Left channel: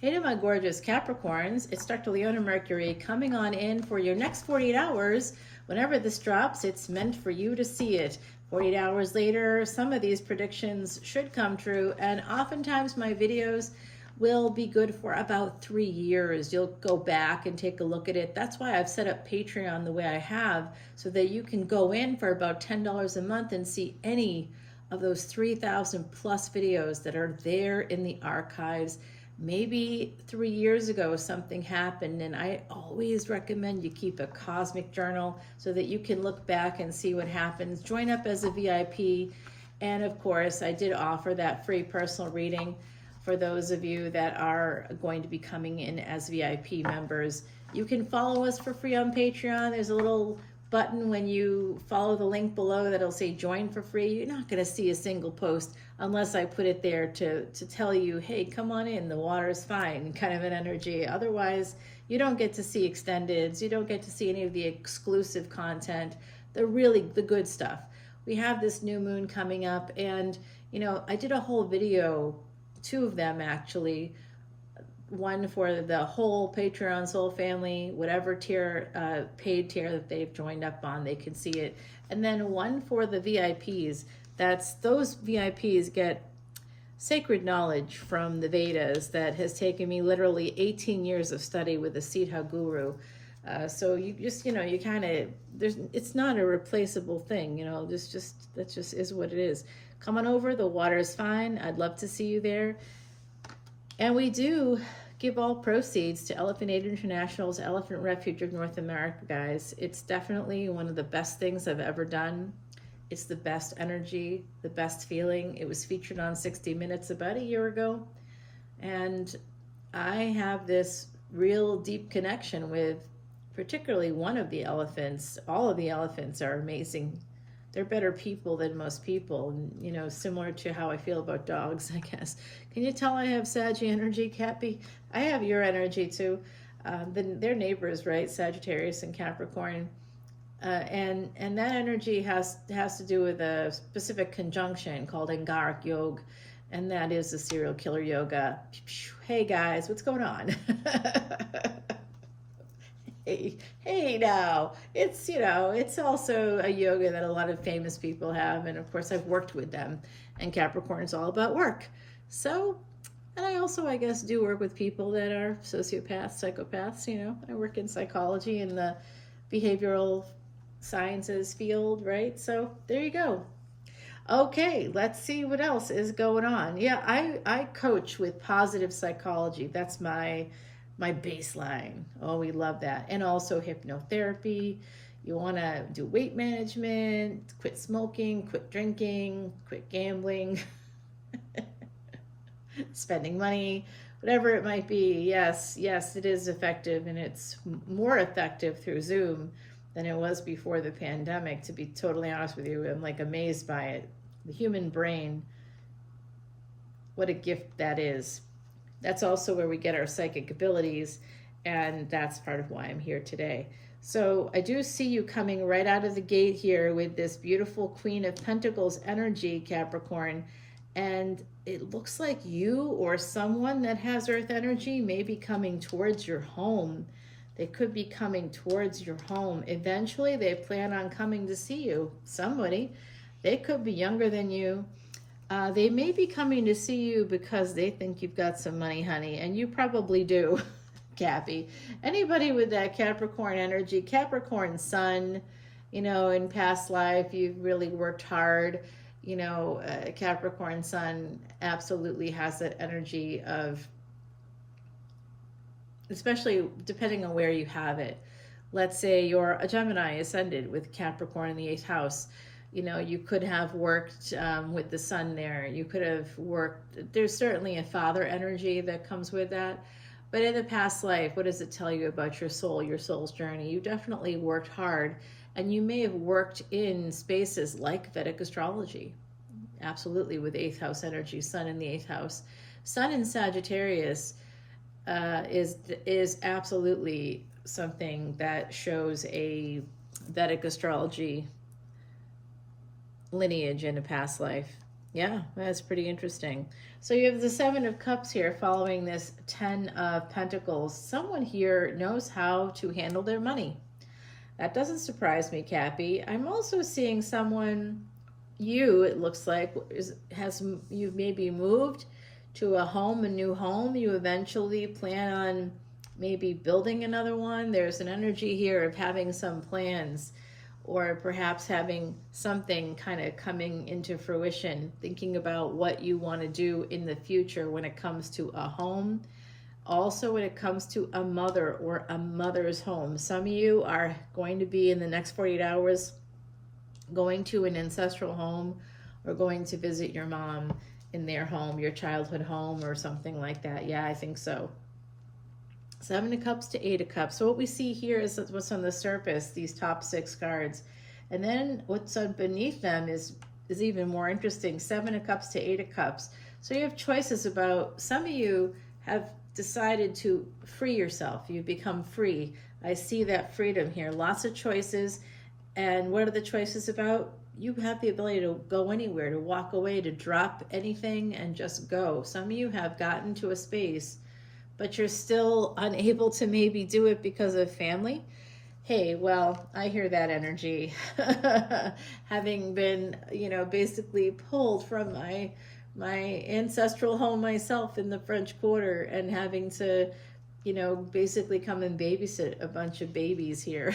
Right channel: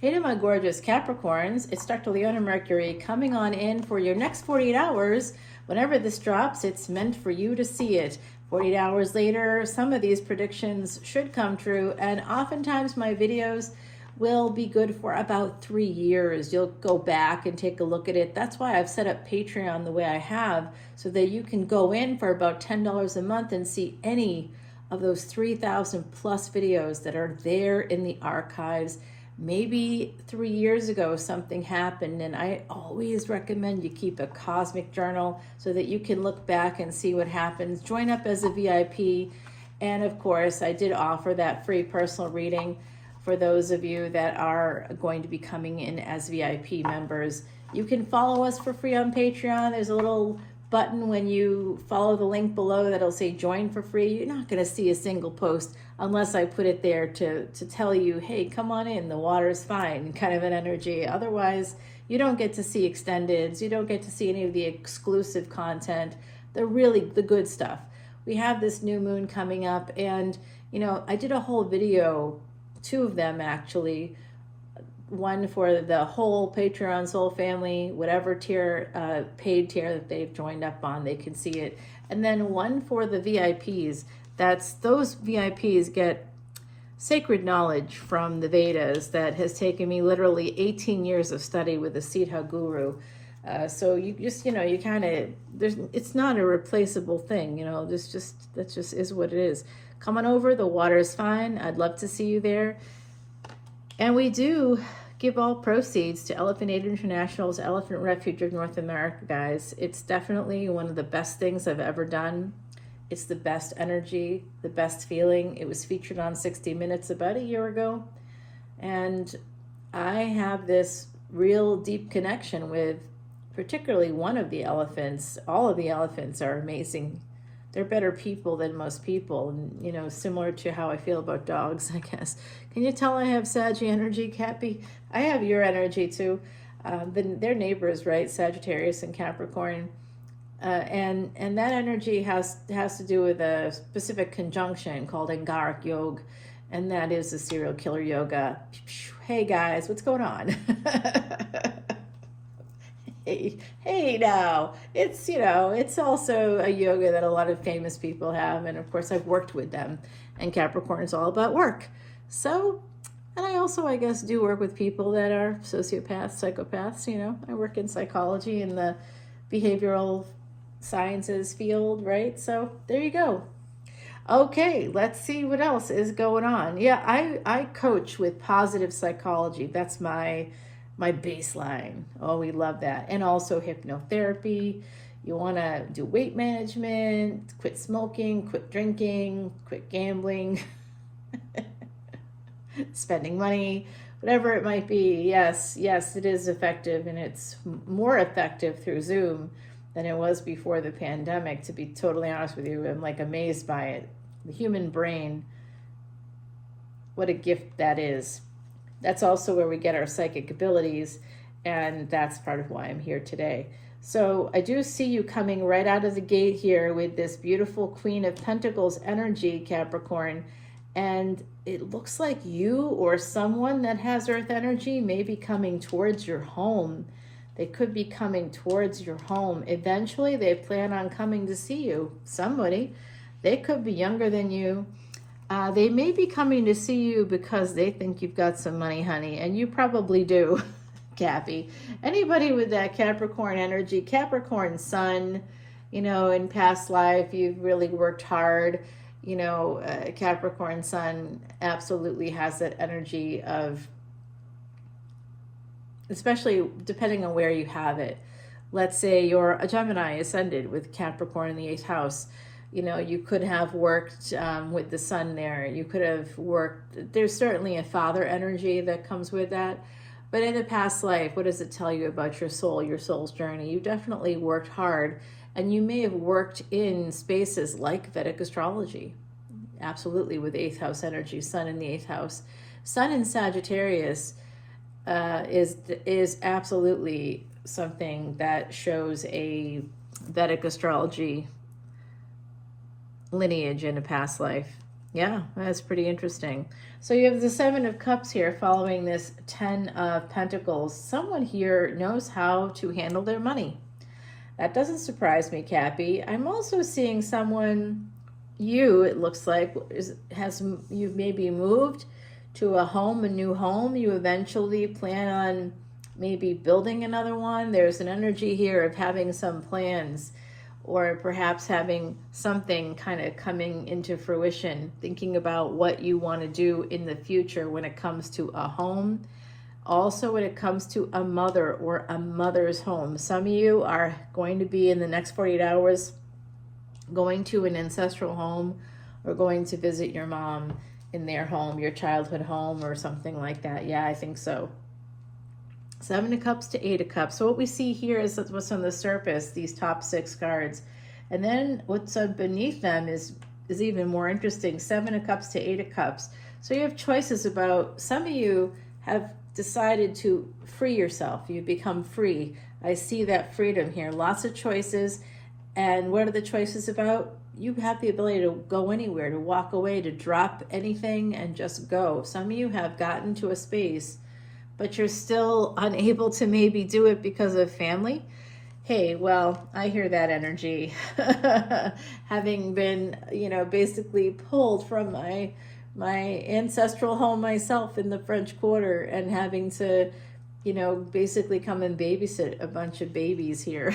Hey to my gorgeous Capricorns, it's Dr. Leona Mercury coming on in for your next 48 hours. Whenever this drops, it's meant for you to see it. 48 hours later, some of these predictions should come true, and oftentimes my videos will be good for about 3 years. You'll go back and take a look at it. That's why I've set up Patreon the way I have, so that you can go in for about $10 a month and see any of those 3,000 plus videos that are there in the archives. Maybe 3 years ago something happened, and I always recommend you keep a cosmic journal so that you can look back and see what happens. Join up as a VIP, and of course I did offer that free personal reading for those of you that are going to be coming in as VIP members. You can follow us for free on Patreon. There's a little button when you follow the link below that'll say join for free. You're not going to see a single post unless I put it there to tell you, hey, come on in, the water's fine, kind of an energy. Otherwise, you don't get to see extendeds, you don't get to see any of the exclusive content, the good stuff. We have this new moon coming up, and you know, I did a whole video, 2 of them actually, one for the whole Patreon soul family, whatever tier, paid tier that they've joined up on, they can see it. And then one for the VIPs. Those VIPs get sacred knowledge from the Vedas that has taken me literally 18 years of study with the Siddha Guru. So you just, you know, you kind of, it's not a replaceable thing, you know, that just is what it is. Come on over, the water is fine. I'd love to see you there. And we do give all proceeds to Elephant Aid International's Elephant Refuge of North America, guys. It's definitely one of the best things I've ever done. It's the best energy, the best feeling. It was featured on 60 Minutes about a year ago. And I have this real deep connection with particularly one of the elephants. All of the elephants are amazing. They're better people than most people. And, you know, similar to how I feel about dogs, I guess. Can you tell I have Sag energy, Cappy? I have your energy too. They're neighbors, right? Sagittarius and Capricorn. And that energy has to do with a specific conjunction called Angaric Yoga, and that is the serial killer yoga. Hey guys, what's going on? hey now, it's, you know, it's also a yoga that a lot of famous people have, and of course I've worked with them, and Capricorn is all about work. So, and I also, I guess, do work with people that are sociopaths, psychopaths, you know. I work in psychology in the behavioral sciences field, right? So there you go. Okay, let's see what else is going on. Yeah, I coach with positive psychology. That's my baseline. Oh, we love that. And also hypnotherapy. You want to do weight management, quit smoking, quit drinking, quit gambling, spending money, whatever it might be. Yes, it is effective, and it's more effective through Zoom than it was before the pandemic, to be totally honest with you. I'm like amazed by it. The human brain, what a gift that is. That's also where we get our psychic abilities, and that's part of why I'm here today. So I do see you coming right out of the gate here with this beautiful Queen of Pentacles energy, Capricorn, and it looks like you or someone that has Earth energy may be coming towards your home. They could be coming towards your home. Eventually, they plan on coming to see you. Somebody. They could be younger than you. They may be coming to see you because they think you've got some money, honey. And you probably do, Cappy. Anybody with that Capricorn energy, Capricorn sun, you know, in past life, you've really worked hard. You know, Capricorn sun absolutely has that energy of, especially depending on where you have it. Let's say you're a Gemini ascended with Capricorn in the 8th house. You know, you could have worked with the sun there. You could have worked, there's certainly a father energy that comes with that. But in a past life, what does it tell you about your soul, your soul's journey? You definitely worked hard, and you may have worked in spaces like Vedic Astrology. Absolutely, with 8th house energy, sun in the 8th house. Sun in Sagittarius is absolutely something that shows a Vedic astrology lineage in a past life. Yeah, that's pretty interesting. So you have the Seven of Cups here following this Ten of Pentacles. Someone here knows how to handle their money. That doesn't surprise me, Cappy. I'm also seeing someone, it looks like, you've maybe moved to a home, a new home. You eventually plan on maybe building another one. There's an energy here of having some plans, or perhaps having something kind of coming into fruition, thinking about what you want to do in the future when it comes to a home. Also, when it comes to a mother or a mother's home. Some of you are going to be in the next 48 hours going to an ancestral home, or going to visit your mom in their home, your childhood home, or something like that. Yeah, I think so. Seven of Cups to Eight of Cups. So what we see here is what's on the surface, these top 6 cards. And then what's beneath them is even more interesting. Seven of Cups to Eight of Cups. So you have choices about, some of you have decided to free yourself. You've become free. I see that freedom here. Lots of choices. And what are the choices about? You have the ability to go anywhere, to walk away, to drop anything and just go. Some of you have gotten to a space, but you're still unable to maybe do it because of family. Hey, well, I hear that energy. Having been, basically pulled from my ancestral home myself in the French Quarter, and having to, basically come and babysit a bunch of babies here.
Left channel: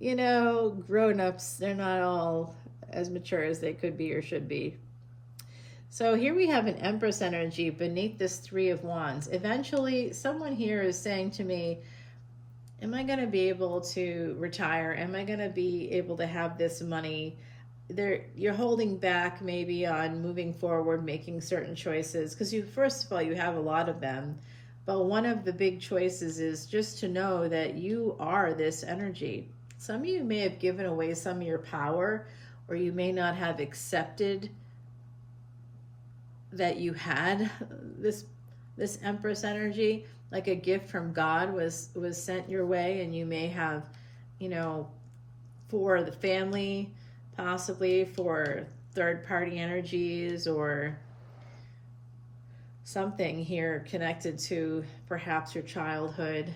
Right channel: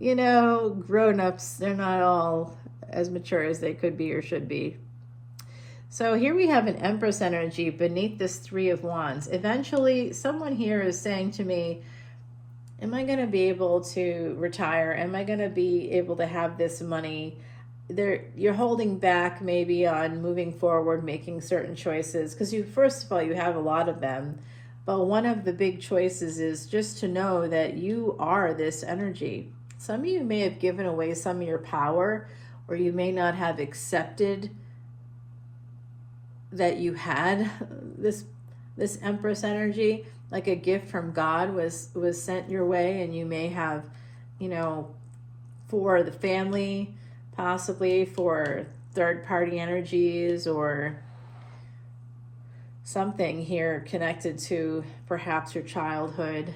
Grown-ups, they're not all as mature as they could be or should be. So here we have an Empress energy beneath this Three of Wands. Eventually, someone here is saying to me, am I going to be able to retire? Am I going to be able to have this money? You're holding back maybe on moving forward, making certain choices, because first of all, you have a lot of them. But one of the big choices is just to know that you are this energy. Some of you may have given away some of your power, or you may not have accepted that you had this Empress energy, like a gift from God was sent your way, and you may have, for the family, possibly for third-party energies, or something here connected to perhaps your childhood.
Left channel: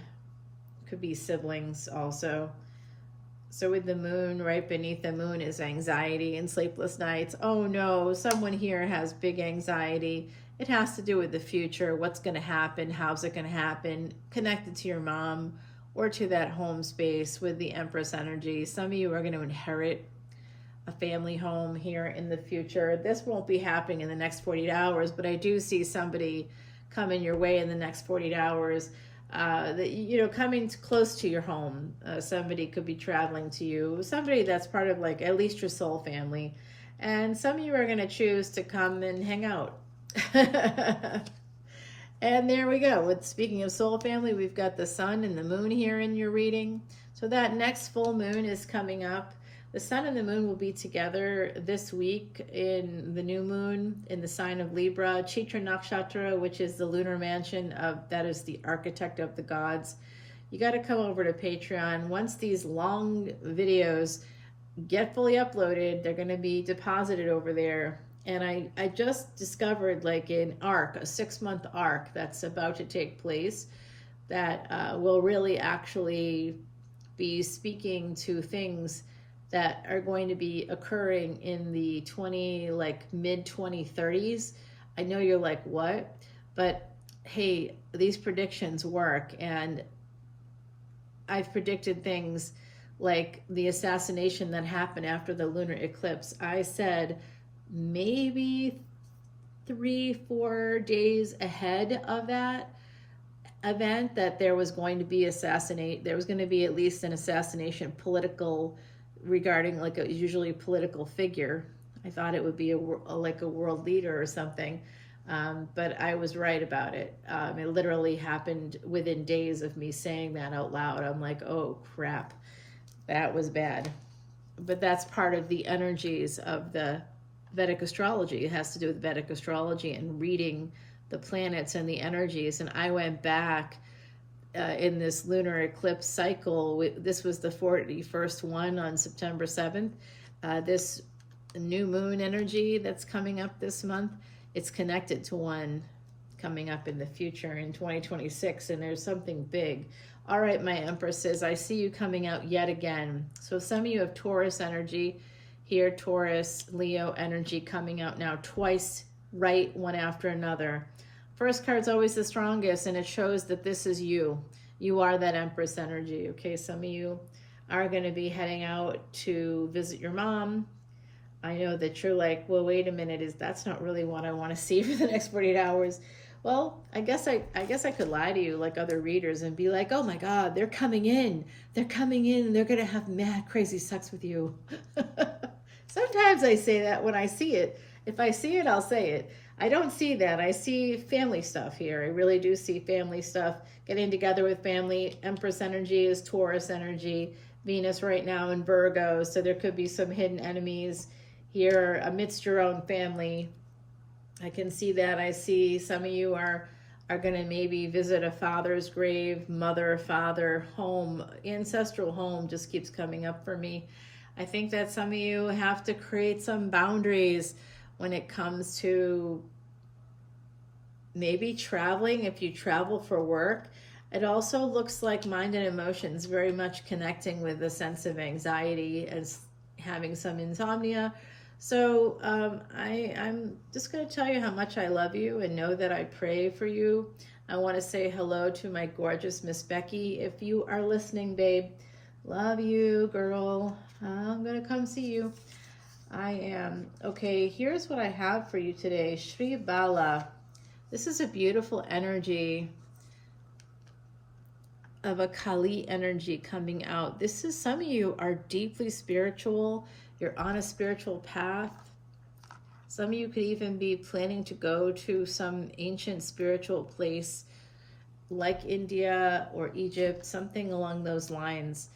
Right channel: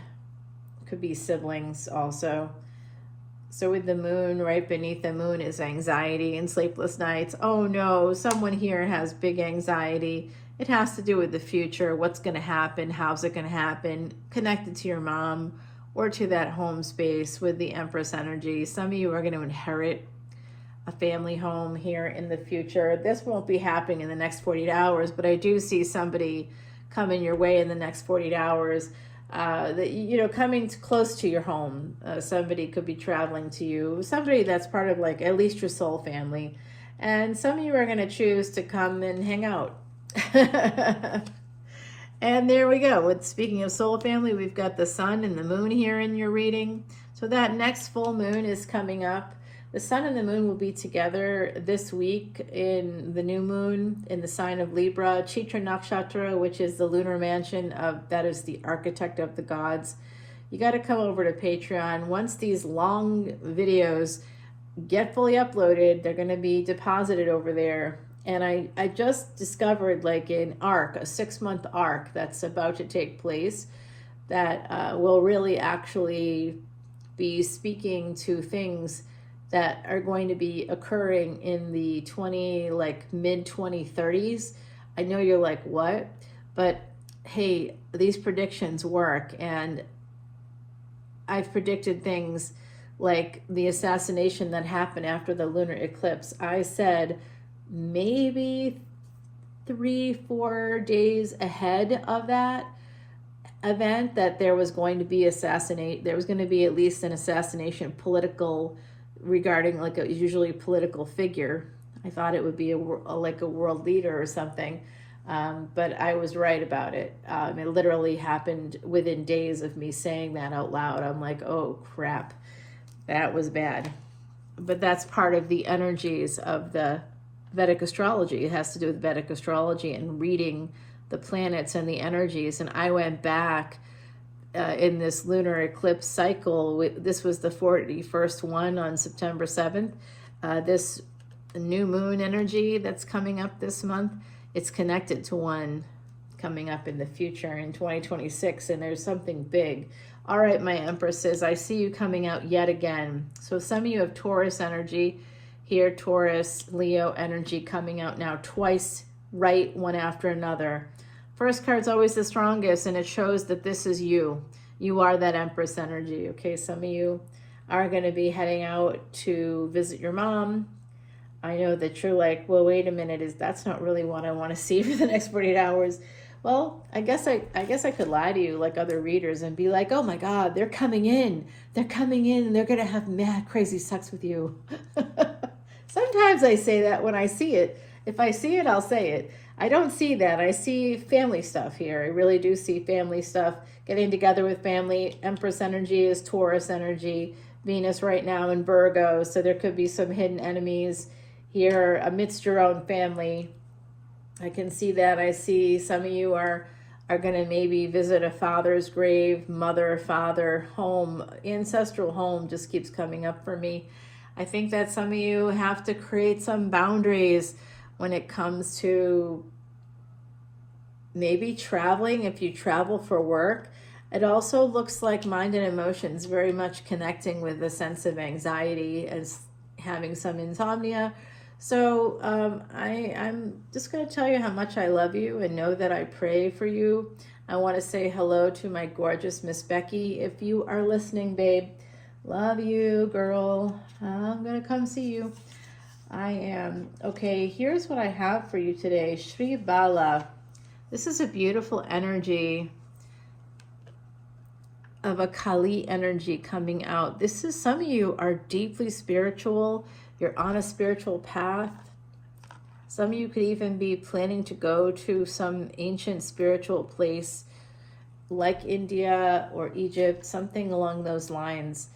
Could be siblings also. So with the moon, right beneath the moon is anxiety and sleepless nights. Oh no, someone here has big anxiety. It has to do with the future, what's going to happen, how's it going to happen, connected to your mom or to that home space with the Empress energy. Some of you are going to inherit a family home here in the future. This won't be happening in the next 48 hours, but I do see somebody coming your way in the next 48 hours. Coming close to your home. Somebody could be traveling to you, somebody that's part of at least your soul family. And some of you are going to choose to come and hang out. And there we go. Speaking of soul family, we've got the sun and the moon here in your reading. So that next full moon is coming up. The sun and the moon will be together this week in the new moon in the sign of Libra, Chitra Nakshatra, which is the lunar mansion that is the architect of the gods. You got to come over to Patreon. Once these long videos get fully uploaded, they're going to be deposited over there. And I just discovered an arc, a 6-month arc that's about to take place that will really actually be speaking to things that are going to be occurring in the mid 2030s. I know you're like, what? But hey, these predictions work, and I've predicted things like the assassination that happened after the lunar eclipse. I said maybe 3-4 days ahead of that event that there was going to be at least an assassination, political, regarding usually a political figure. I thought it would be a world leader or something, but I was right about it. It literally happened within days of me saying that out loud. I'm like, oh crap, that was bad. But that's part of the energies of the Vedic astrology. It has to do with Vedic astrology and reading the planets and the energies. And I went back in this lunar eclipse cycle. This was the 41st one on September 7th. This new moon energy that's coming up this month, it's connected to one coming up in the future in 2026, and there's something big. All right, my empresses, I see you coming out yet again. So some of you have Taurus energy here, Taurus, Leo energy coming out now twice, right, one after another. First card's always the strongest, and it shows that this is you. You are that Empress energy, okay? Some of you are going to be heading out to visit your mom. I know that you're like, well, wait a minute, that's not really what I want to see for the next 48 hours. Well, I guess I could lie to you like other readers and be like, oh my God, they're coming in. They're coming in and they're going to have mad, crazy sex with you. Sometimes I say that when I see it. If I see it, I'll say it. I don't see that. I see family stuff here. I really do see family stuff. Getting together with family. Empress energy is Taurus energy. Venus right now in Virgo. So there could be some hidden enemies here amidst your own family. I can see that. I see some of you are going to maybe visit a father's grave, mother, father, home, ancestral home just keeps coming up for me. I think that some of you have to create some boundaries when it comes to maybe traveling, if you travel for work. It also looks like mind and emotions very much connecting with a sense of anxiety and having some insomnia. So I'm just going to tell you how much I love you and know that I pray for you. I want to say hello to my gorgeous Miss Becky. If you are listening, babe, love you, girl. I'm going to come see you. I am. Okay, here's what I have for you today. Shri Bala. This is a beautiful energy of a Kali energy coming out. This is, some of you are deeply spiritual. You're on a spiritual path. Some of you could even be planning to go to some ancient spiritual place like India or Egypt, something along those lines.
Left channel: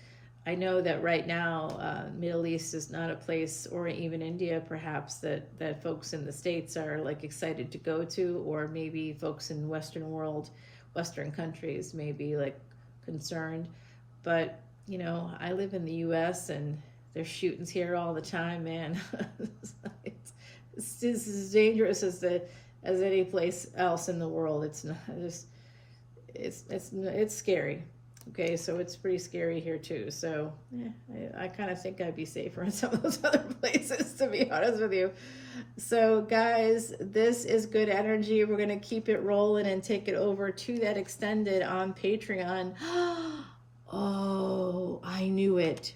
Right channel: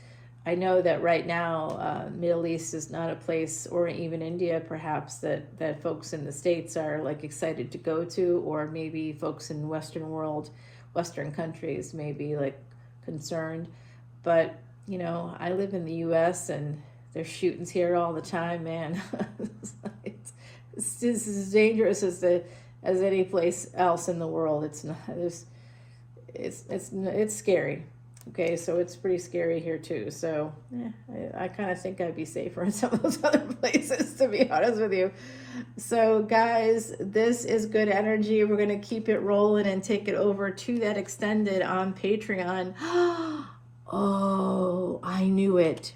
I know that right now, Middle East is not a place, or even India perhaps, that folks in the States are like excited to go to, or maybe folks in Western world, Western countries may be like concerned. But, you know, I live in the U.S. and there's shootings here all the time, man. It's just as dangerous as any place else in the world. It's not. It's scary. Okay, so it's pretty scary here too. So I kind of think I'd be safer in some of those other places, to be honest with you. So guys, this is good energy. We're gonna keep it rolling and take it over to that extended on Patreon. Oh, I knew it.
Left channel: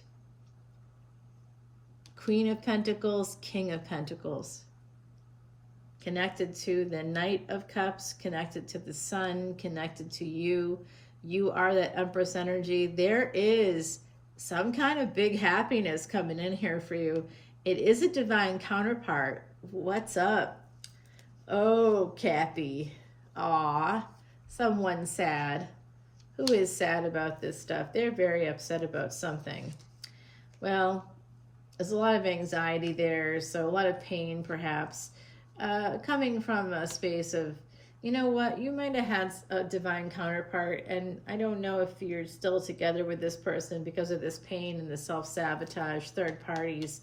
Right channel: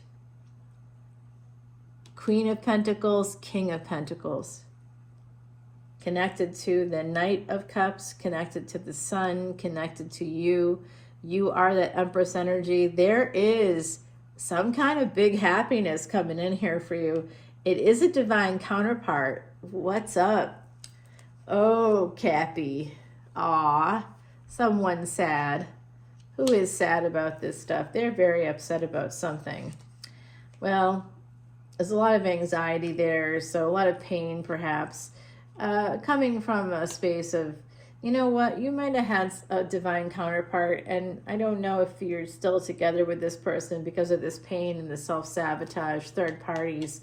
Queen of Pentacles, King of Pentacles. Connected to the Knight of Cups, connected to the Sun, connected to you. You are the Empress energy. There is some kind of big happiness coming in here for you. It is a divine counterpart. What's up? Oh, Cappy. Aw, someone's sad. Who is sad about this stuff? They're very upset about something. Well, there's a lot of anxiety there, so a lot of pain perhaps, coming from a space of, you know what, you might have had a divine counterpart, and I don't know if you're still together with this person because of this pain and the self-sabotage, third parties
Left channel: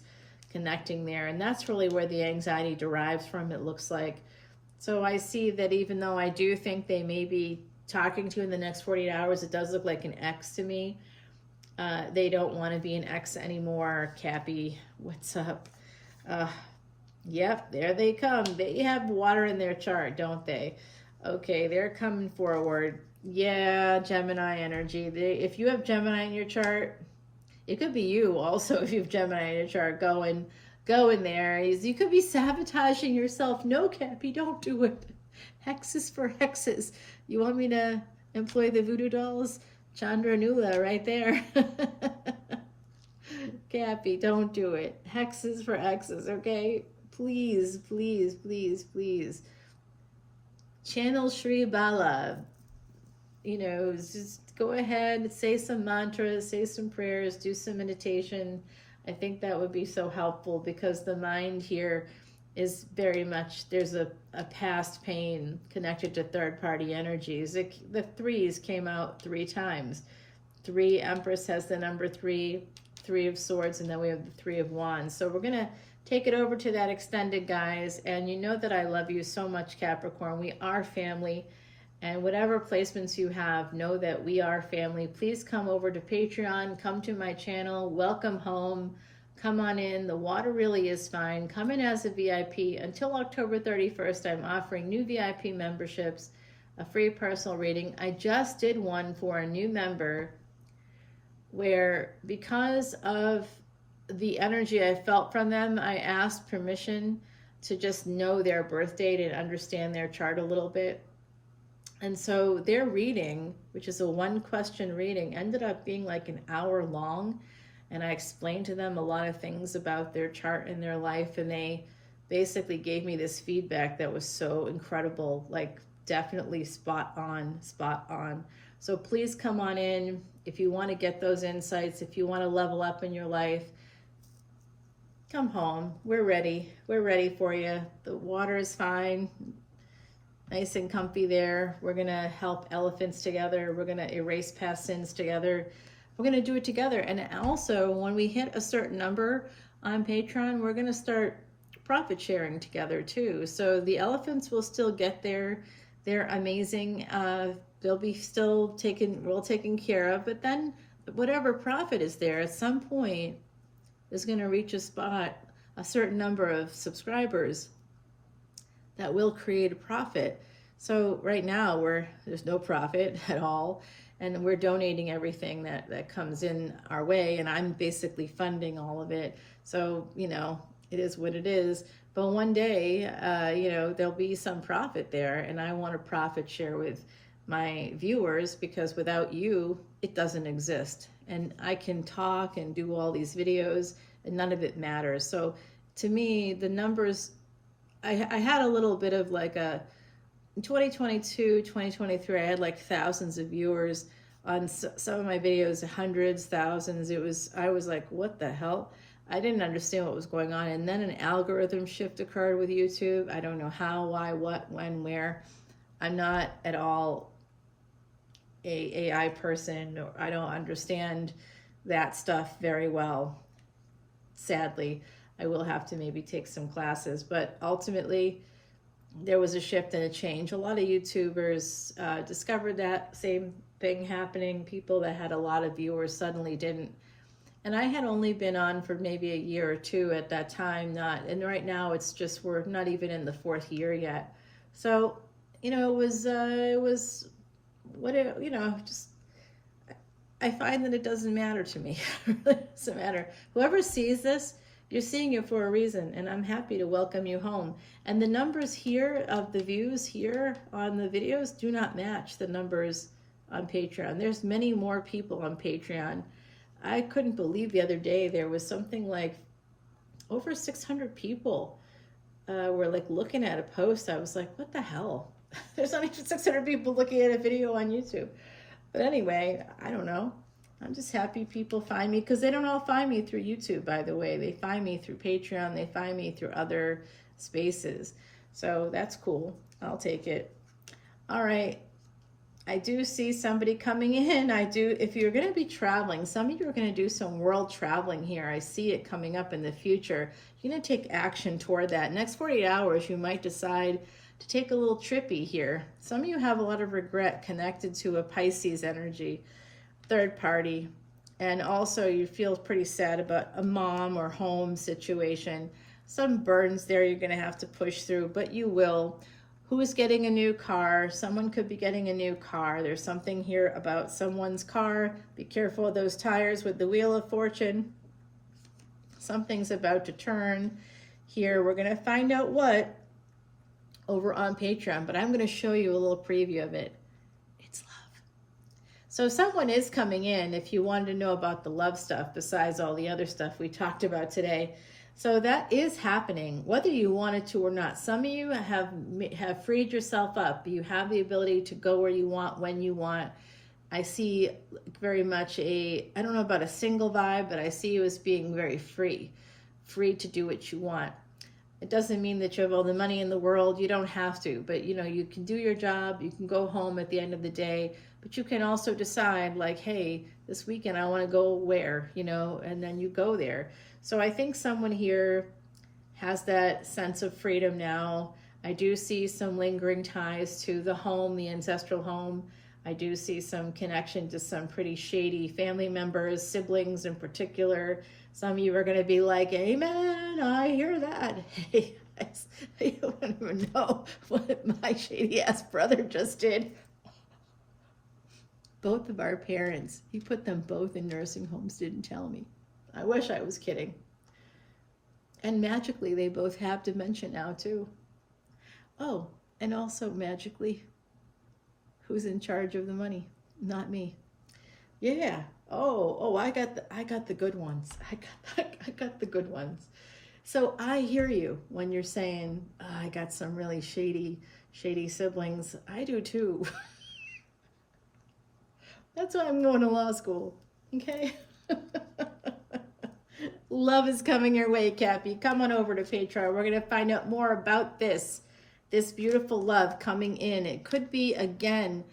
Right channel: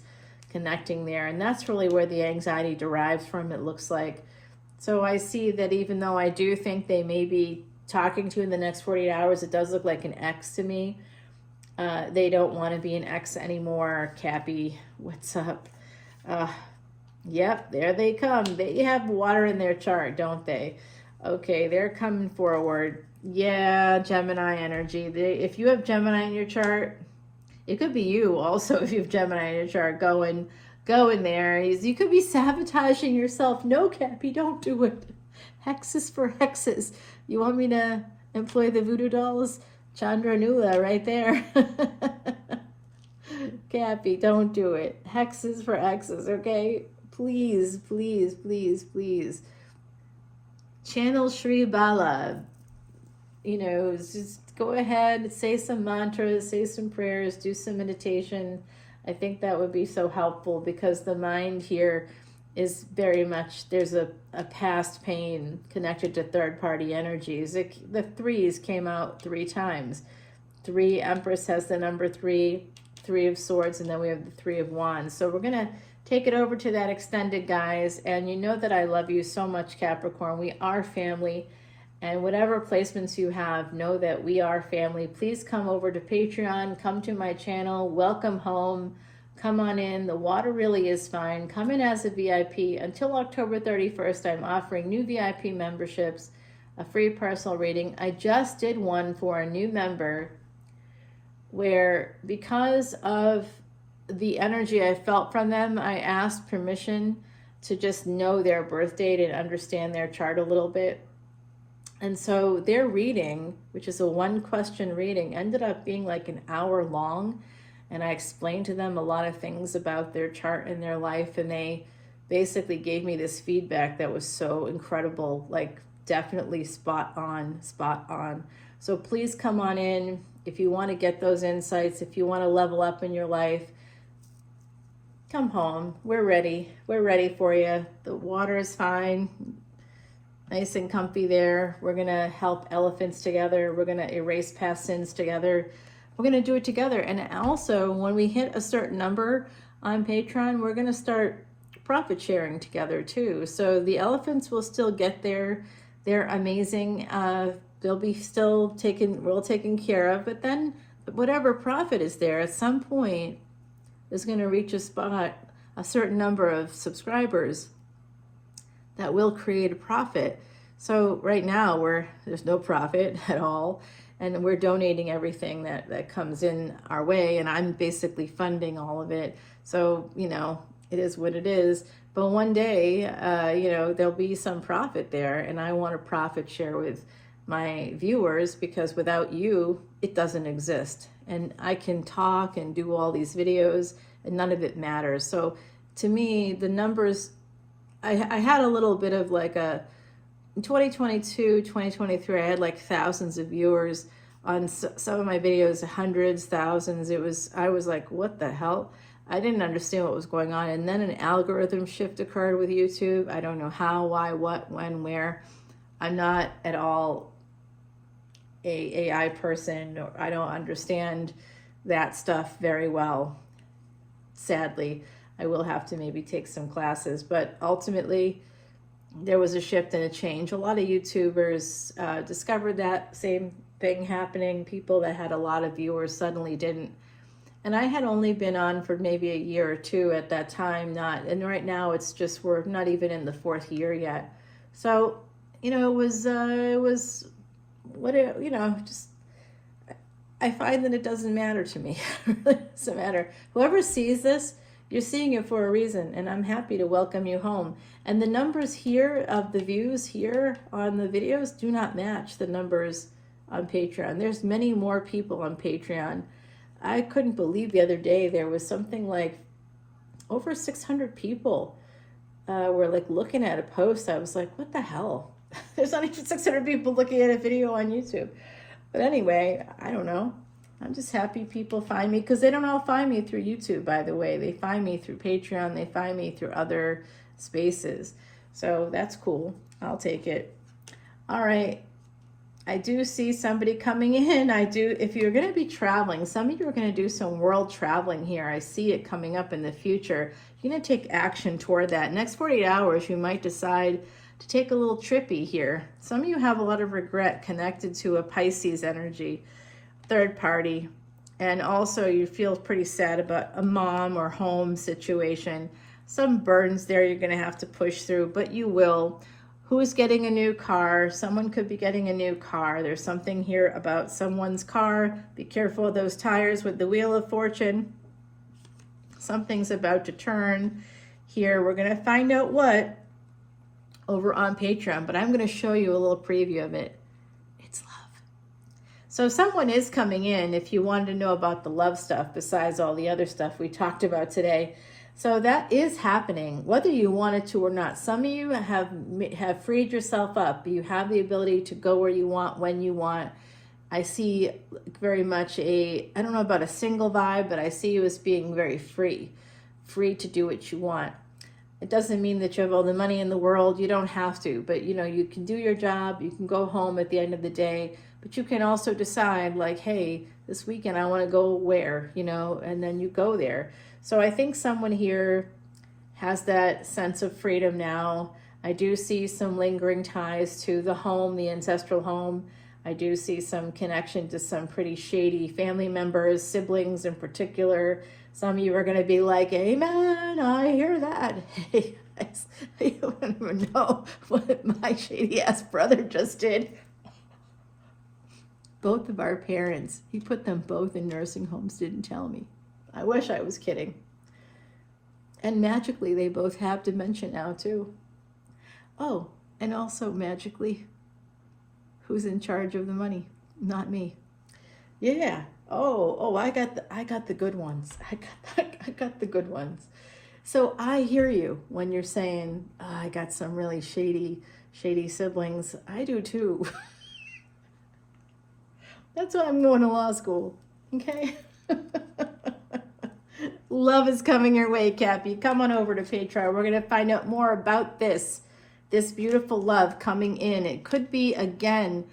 connecting there, and that's really where the anxiety derives from, it looks like. So I see that even though I do think they may be talking to in the next 48 hours, it does look like an ex to me. They don't want to be an ex anymore. Cappy, what's up? Yep, there they come. They have water in their chart, don't they? Okay, they're coming forward. Yeah, Gemini energy. If you have Gemini in your chart, it could be you also if you have Gemini in your chart. Go in there. You could be sabotaging yourself. No, Cappy, don't do it. Hexes for hexes. You want me to employ the voodoo dolls? Chandra Nula right there. Cappy, don't do it. Hexes for X's, okay? Please, please, please, please. Channel Shri Bala. You know, just go ahead, say some mantras, say some prayers, do some meditation. I think that would be so helpful because the mind here is very much, there's a past pain connected to third-party energies. The threes came out 3 times. 3, Empress has the number 3. Three of Swords, and then we have the Three of Wands. So we're going to take it over to that extended, guys. And you know that I love you so much, Capricorn. We are family. And whatever placements you have, know that we are family. Please come over to Patreon. Come to my channel. Welcome home. Come on in. The water really is fine. Come in as a VIP. Until October 31st, I'm offering new VIP memberships, a free personal reading. I just did one for a new member where, because of the energy I felt from them, I asked permission to just know their birth date and understand their chart a little bit. And so their reading, which is a 1-question reading, ended up being like an hour long. And I explained to them a lot of things about their chart and their life. And they basically gave me this feedback that was so incredible, like definitely spot on, spot on. So please come on in if you want to get those insights, if you want to level up in your life. Come home. We're ready. We're ready for you. The water is fine. Nice and comfy there. We're going to help elephants together. We're going to erase past sins together. We're going to do it together. And also, when we hit a certain number on Patreon, we're going to start profit sharing together too. So the elephants will still get there. They're amazing. They'll be still well taken care of. But then whatever profit is there, at some point, is going to reach a spot, a certain number of subscribers that will create a profit. So right now there's no profit at all, and we're donating everything that comes in our way, and I'm basically funding all of it. So, you know, it is what it is. But one day, you know, there'll be some profit there, and I want to profit share with my viewers, because without you, it doesn't exist. And I can talk and do all these videos, and none of it matters. So to me, the numbers, I had a little bit of like in 2022, 2023, I had like thousands of viewers on some of my videos, hundreds, thousands. I was like, what the hell? I didn't understand what was going on. And then an algorithm shift occurred with YouTube. I don't know how, why, what, when, where. I'm not at all a AI person. Or I don't understand that stuff very well. Sadly, I will have to maybe take some classes, but ultimately there was a shift and a change. A lot of YouTubers discovered that same thing happening. People that had a lot of viewers suddenly didn't. And I had only been on for maybe a year or two at that time, and right now it's just, we're not even in the 4th year yet. So, you know, it was what it, you know, just, I find that it doesn't matter to me. It doesn't matter. Whoever sees this, you're seeing it for a reason, and I'm happy to welcome you home. And the numbers here of the views here on the videos do not match the numbers on Patreon. There's many more people on Patreon. I couldn't believe the other day there was something like over 600 people were like looking at a post. I was like, what the hell? There's not even 600 people looking at a video on YouTube. But anyway, I don't know. I'm just happy people find me, because they don't all find me through YouTube, by the way. They find me through Patreon. They find me through other spaces. So that's cool. I'll take it. All right. I do see somebody coming in. If you're going to be traveling, some of you are going to do some world traveling here. I see it coming up in the future. You're going to take action toward that. Next 48 hours, you might decide to take a little trippy here. Some of you have a lot of regret connected to a Pisces energy, third party, and also you feel pretty sad about a mom or home situation. Some burdens there you're going to have to push through, but you will. Who is getting a new car? Someone could be getting a new car. There's something here about someone's car. Be careful of those tires with the Wheel of Fortune. Something's about to turn here. We're going to find out what over on Patreon, but I'm going to show you a little preview of it. It's love. So someone is coming in if you wanted to know about the love stuff besides all the other stuff we talked about today. So that is happening, whether you wanted to or not. Some of you have freed yourself up. You have the ability to go where you want, when you want. I see very much I don't know about a single vibe, but I see you as being very free to do what you want. It doesn't mean that you have all the money in the world. You don't have to, but you know, you can do your job. You can go home at the end of the day, But you can also decide like, hey, this weekend I want to go where, you know, and then you go there. So I think someone here has that sense of freedom now. I do see some lingering ties to the home, the ancestral home. I do see some connection to some pretty shady family members, siblings in particular. Some of you are going to be like, amen, I hear that. Hey, guys, you don't even know what my shady ass brother just did. Both of our parents, he put them both in nursing homes, didn't tell me. I wish I was kidding. And magically, they both have dementia now too. Oh, and also magically, who's in charge of the money? Not me. Yeah. Oh, I got the good ones. I got the good ones. So I hear you when you're saying, oh, I got some really shady siblings. I do too. That's why I'm going to law school. Okay. Love is coming your way, Cappy. Come on over to Patreon. We're going to find out more about this beautiful love coming in. It could be, again,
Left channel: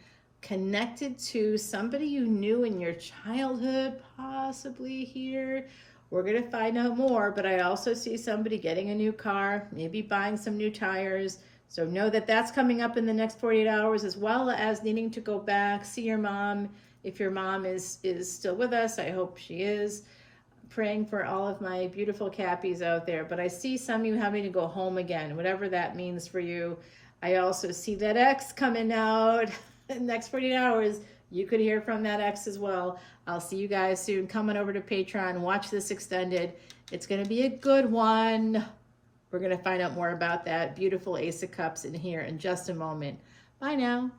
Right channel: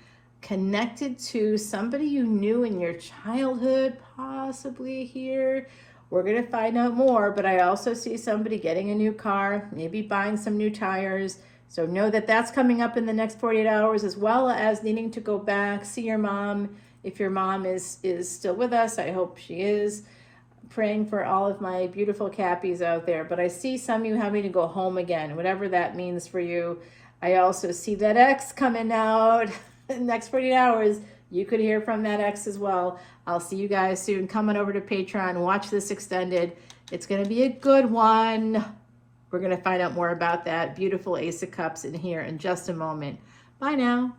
connected to somebody you knew in your childhood, possibly here. We're going to find out more, but I also see somebody getting a new car, maybe buying some new tires. So know that that's coming up in the next 48 hours, as well as needing to go back, see your mom. If your mom is still with us, I hope she is. Praying for all of my beautiful Cappies out there. But I see some of you having to go home again, whatever that means for you. I also see that ex coming out in the next 48 hours. You could hear from that ex as well. I'll see you guys soon. Come on over to Patreon. Watch this extended. It's going to be a good one. We're going to find out more about that beautiful Ace of Cups in here in just a moment. Bye now.